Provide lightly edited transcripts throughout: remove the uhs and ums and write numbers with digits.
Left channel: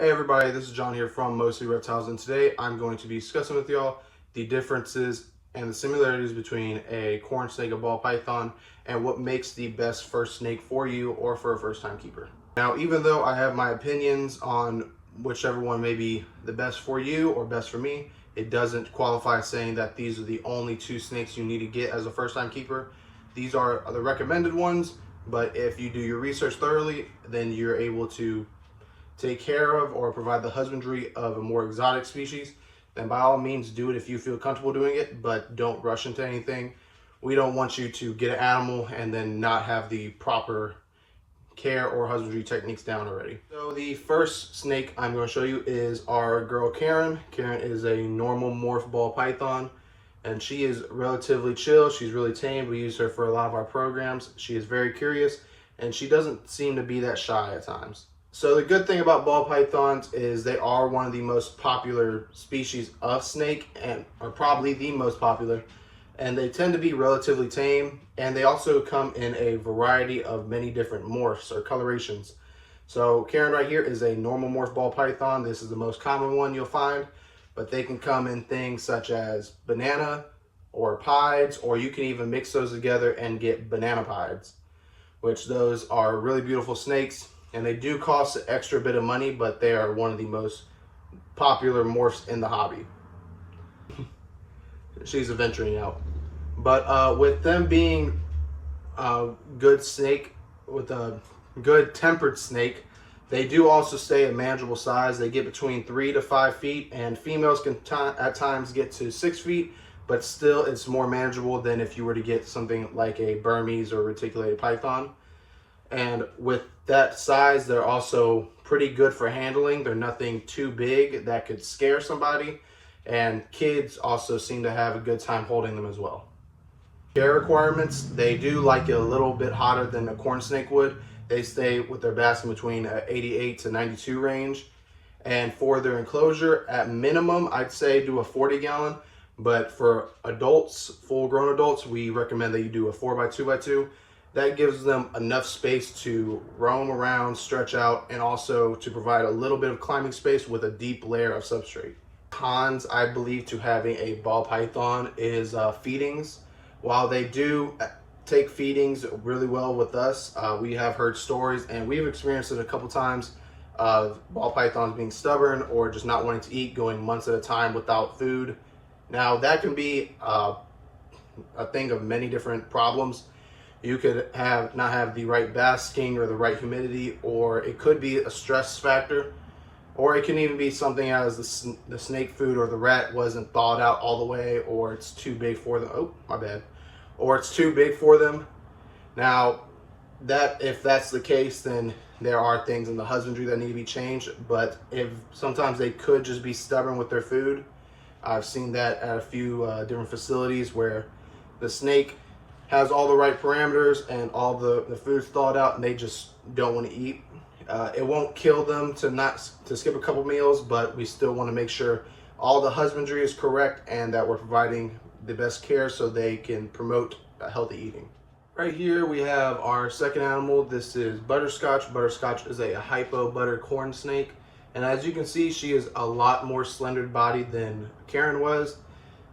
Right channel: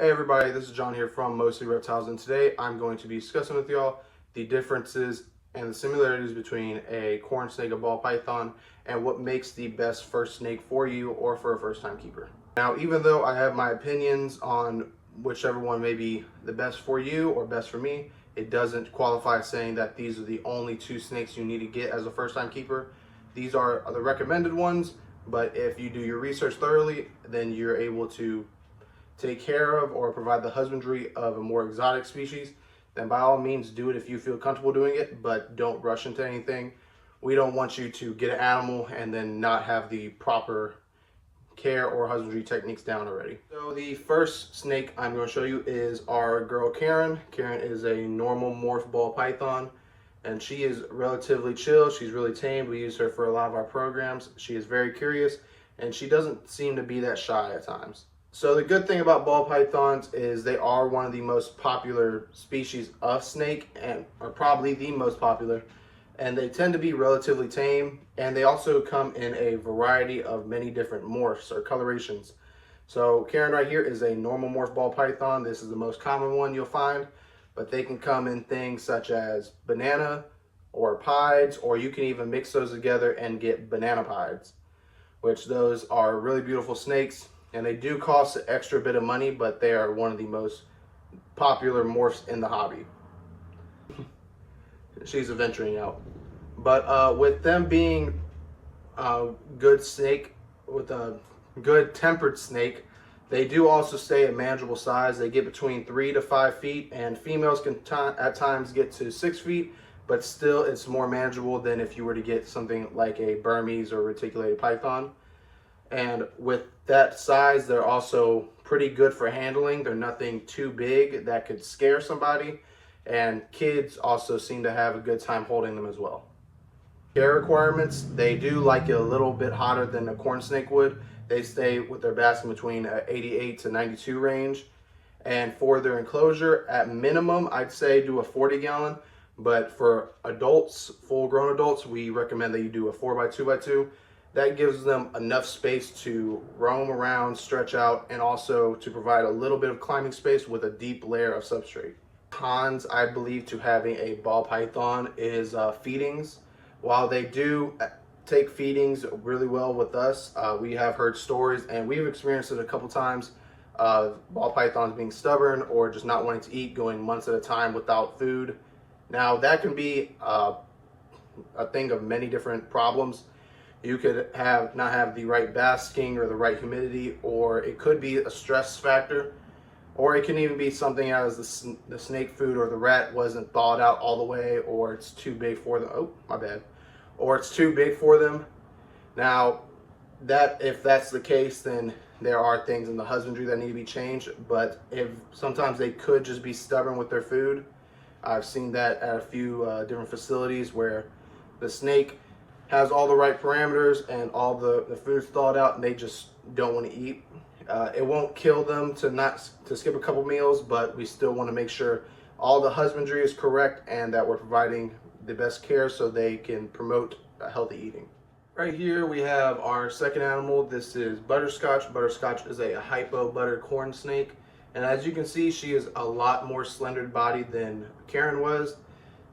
Hey everybody, this is John here from Mostly Reptiles, and today I'm going to be discussing with y'all the differences and the similarities between a corn snake, a ball python, and what makes the best first snake for you or for a first time keeper. Now, even though I have my opinions on whichever one may be the best for you or best for me, it doesn't qualify saying that these are the only two snakes you need to get as a first time keeper. These are the recommended ones, but if you do your research thoroughly, then you're able to take care of or provide the husbandry of a more exotic species, then by all means do it if you feel comfortable doing it, but don't rush into anything. We don't want you to get an animal and then not have the proper care or husbandry techniques down already. So the first snake I'm going to show you is our girl Karen. Karen is a normal morph ball python, and she is relatively chill. She's really tame. We use her for a lot of our programs. She is very curious, and she doesn't seem to be that shy at times. So the good thing about ball pythons is they are one of the most popular species of snake, and are probably the most popular, and they tend to be relatively tame, and they also come in a variety of many different morphs or colorations. So Karen right here is a normal morph ball python. This is the most common one you'll find, but they can come in things such as banana or pieds, or you can even mix those together and get banana pieds, which those are really beautiful snakes. And they do cost an extra bit of money, but they are one of the most popular morphs in the hobby. She's venturing out. But with them being a good snake, with a good tempered snake, they do also stay a manageable size. They get between 3 to 5 feet, and females can at times get to 6 feet, but still it's more manageable than if you were to get something like a Burmese or reticulated python. And with that size, they're also pretty good for handling. They're nothing too big that could scare somebody. And kids also seem to have a good time holding them as well. Care requirements, they do like it a little bit hotter than a corn snake would. They stay with their basking between 88 to 92 range. And for their enclosure, at minimum, I'd say do a 40-gallon. But for adults, full-grown adults, we recommend that you do a 4x2x2. That gives them enough space to roam around, stretch out, and also to provide a little bit of climbing space with a deep layer of substrate. Cons, I believe, to having a ball python is feedings. While they do take feedings really well with us, we have heard stories, and we've experienced it a couple times, of ball pythons being stubborn or just not wanting to eat, going months at a time without food. Now, that can be a thing of many different problems. You could not have the right basking or the right humidity, or it could be a stress factor, or it can even be something as the snake food or the rat wasn't thawed out all the way, or it's too big for them. Oh, my bad. Or it's too big for them. Now, if that's the case, then there are things in the husbandry that need to be changed, but if sometimes they could just be stubborn with their food. I've seen that at a few different facilities where the snake has all the right parameters and all the food's thawed out, and they just don't want to eat. It won't kill them to skip a couple meals, but we still want to make sure all the husbandry is correct and that we're providing the best care so they can promote healthy eating. Right here we have our second animal. This is Butterscotch. Butterscotch is a hypo butter corn snake, and as you can see, she is a lot more slender bodied than Karen was.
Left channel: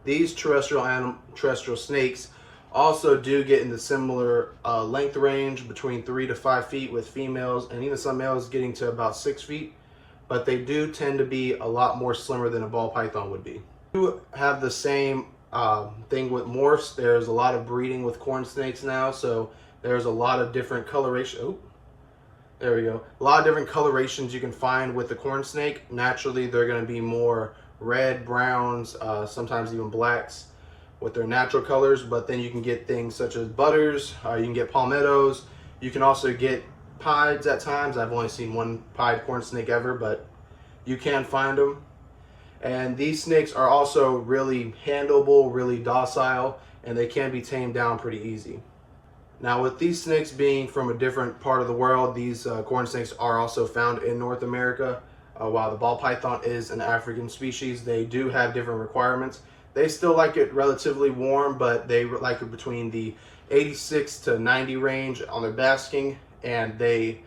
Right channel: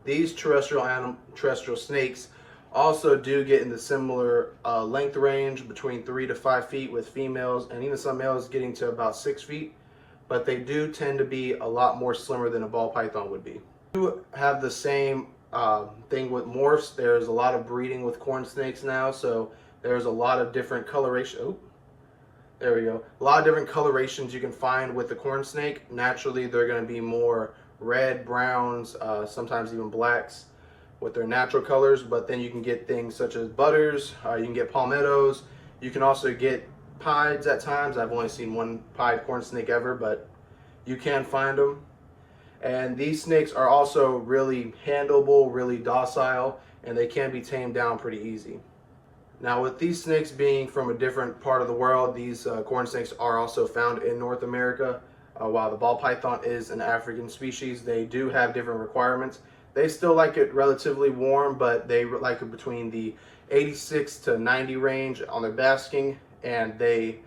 These terrestrial snakes also do get in the similar length range between 3 to 5 feet with females, and even some males getting to about 6 feet, but they do tend to be a lot more slimmer than a ball python would be. We do have the same thing with morphs. There's a lot of breeding with corn snakes now, so there's a lot of different coloration. Oh, there we go. A lot of different colorations you can find with the corn snake. Naturally, they're going to be more red, browns, sometimes even blacks with their natural colors, but then you can get things such as butters, you can get palmettos, you can also get pieds at times. I've only seen one pied corn snake ever, but you can find them. And these snakes are also really handleable, really docile, and they can be tamed down pretty easy. Now, with these snakes being from a different part of the world, these corn snakes are also found in North America. While the ball python is an African species, they do have different requirements. They still like it relatively warm, but they like it between the 86 to 90 range on their basking, and they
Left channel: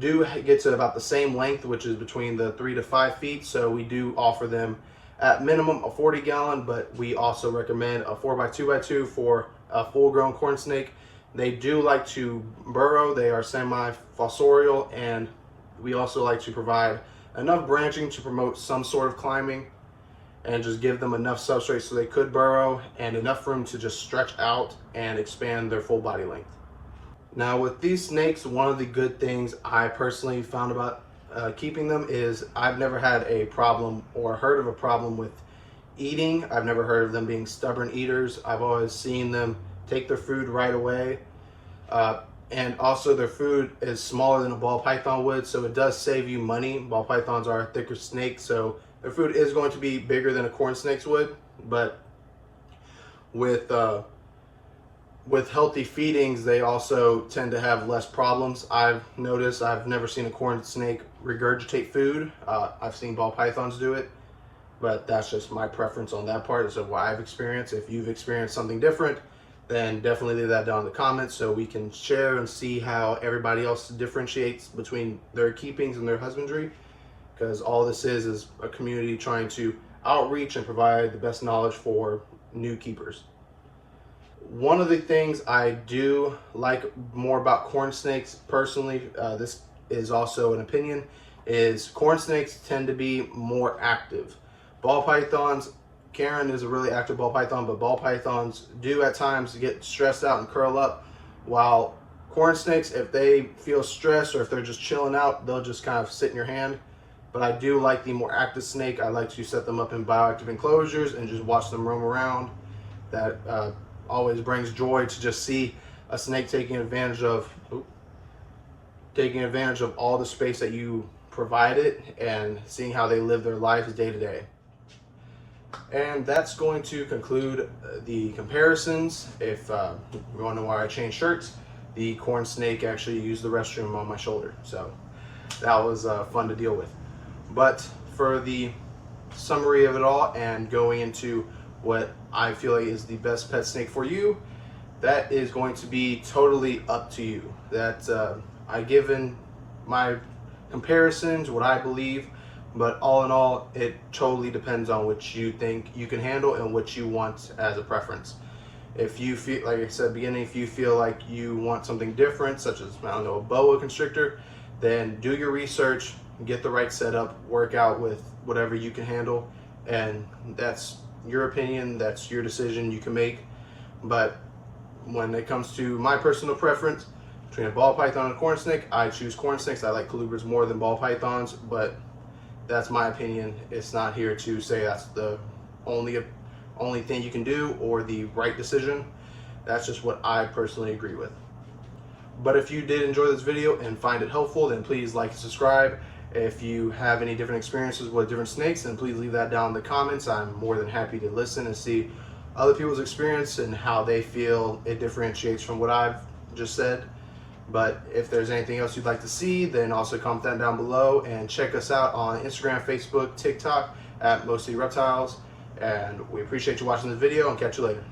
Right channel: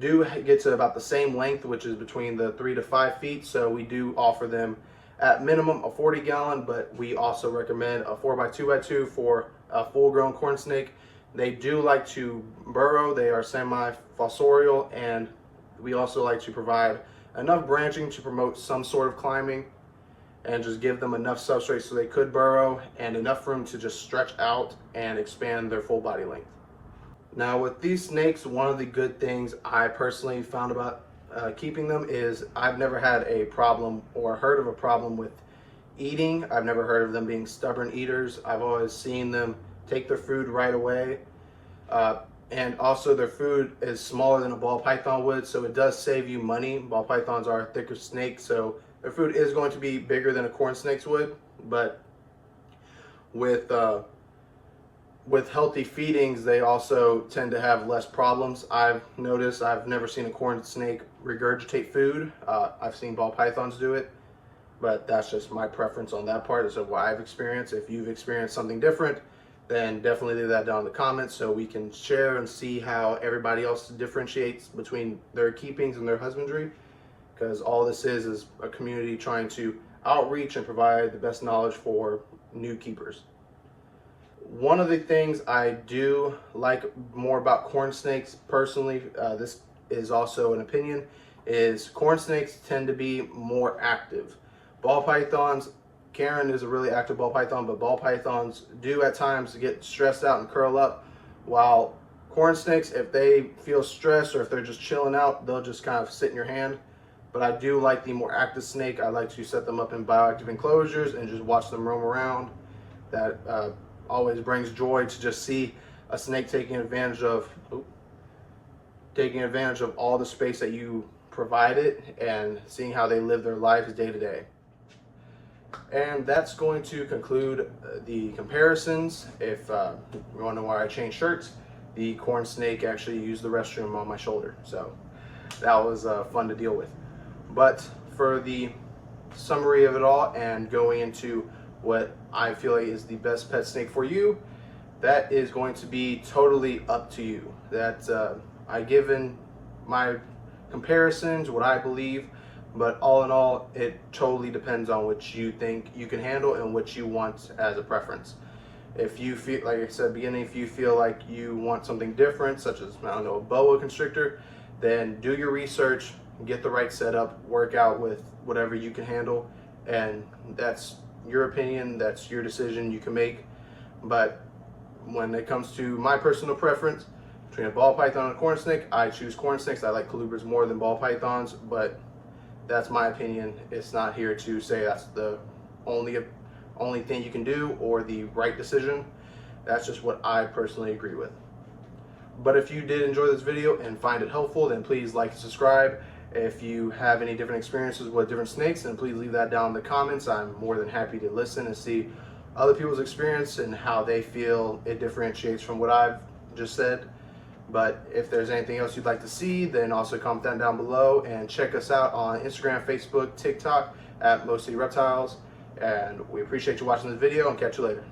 do get to about the same length, which is between the 3 to 5 feet. So we do offer them at minimum a 40-gallon, but we also recommend a 4x2x2 for a full-grown corn snake. They do like to burrow. They are semi-fossorial, and we also like to provide enough branching to promote some sort of climbing and just give them enough substrate so they could burrow and enough room to just stretch out and expand their full body length. Now with these snakes, one of the good things I personally found about keeping them is I've never had a problem or heard of a problem with eating. I've never heard of them being stubborn eaters. I've always seen them take their food right away. And also their food is smaller than a ball python would, so it does save you money. Ball pythons are a thicker snake, so their food is going to be bigger than a corn snake's would, but with healthy feedings, they also tend to have less problems. I've noticed, I've never seen a corn snake regurgitate food. I've seen ball pythons do it, but that's just my preference on that part. Of what I've experienced. If you've experienced something different, then definitely leave that down in the comments so we can share and see how everybody else differentiates between their keepings and their husbandry, because all this is a community trying to outreach and provide the best knowledge for new keepers. One of the things I do like more about corn snakes personally, this is also an opinion, is corn snakes tend to be more active. Ball pythons, Karen is a really active ball python, but ball pythons do at times get stressed out and curl up, while corn snakes, if they feel stressed or if they're just chilling out, they'll just kind of sit in your hand. But I do like the more active snake. I like to set them up in bioactive enclosures and just watch them roam around. That always brings joy to just see a snake taking advantage of all the space that you provide it and seeing how they live their lives day to day. And that's going to conclude the comparisons. If you want to know why I changed shirts, the corn snake actually used the restroom on my shoulder, so that was fun to deal with. But for the summary of it all and going into what I feel like is the best pet snake for you, that is going to be totally up to you. That I given my comparisons, what I believe, but all in all, it totally depends on what you think you can handle and what you want as a preference. If you feel, like I said at the beginning, if you feel like you want something different, such as, I don't know, a boa constrictor, then do your research, get the right setup, work out with whatever you can handle, and that's your opinion, that's your decision, you can make. But when it comes to my personal preference between a ball python and a corn snake, I choose corn snakes. I like colubras more than ball pythons, but that's my opinion. It's not here to say that's the only thing you can do or the right decision. That's just what I personally agree with. But if you did enjoy this video and find it helpful, then please like and subscribe. If you have any different experiences with different snakes, then please leave that down in the comments. I'm more than happy to listen and see other people's experience and how they feel it differentiates from what I've just said. But if there's anything else you'd like to see, then also comment that down below, and check us out on Instagram, Facebook, TikTok at Mostly Reptiles. And we appreciate you watching this video, and catch you later.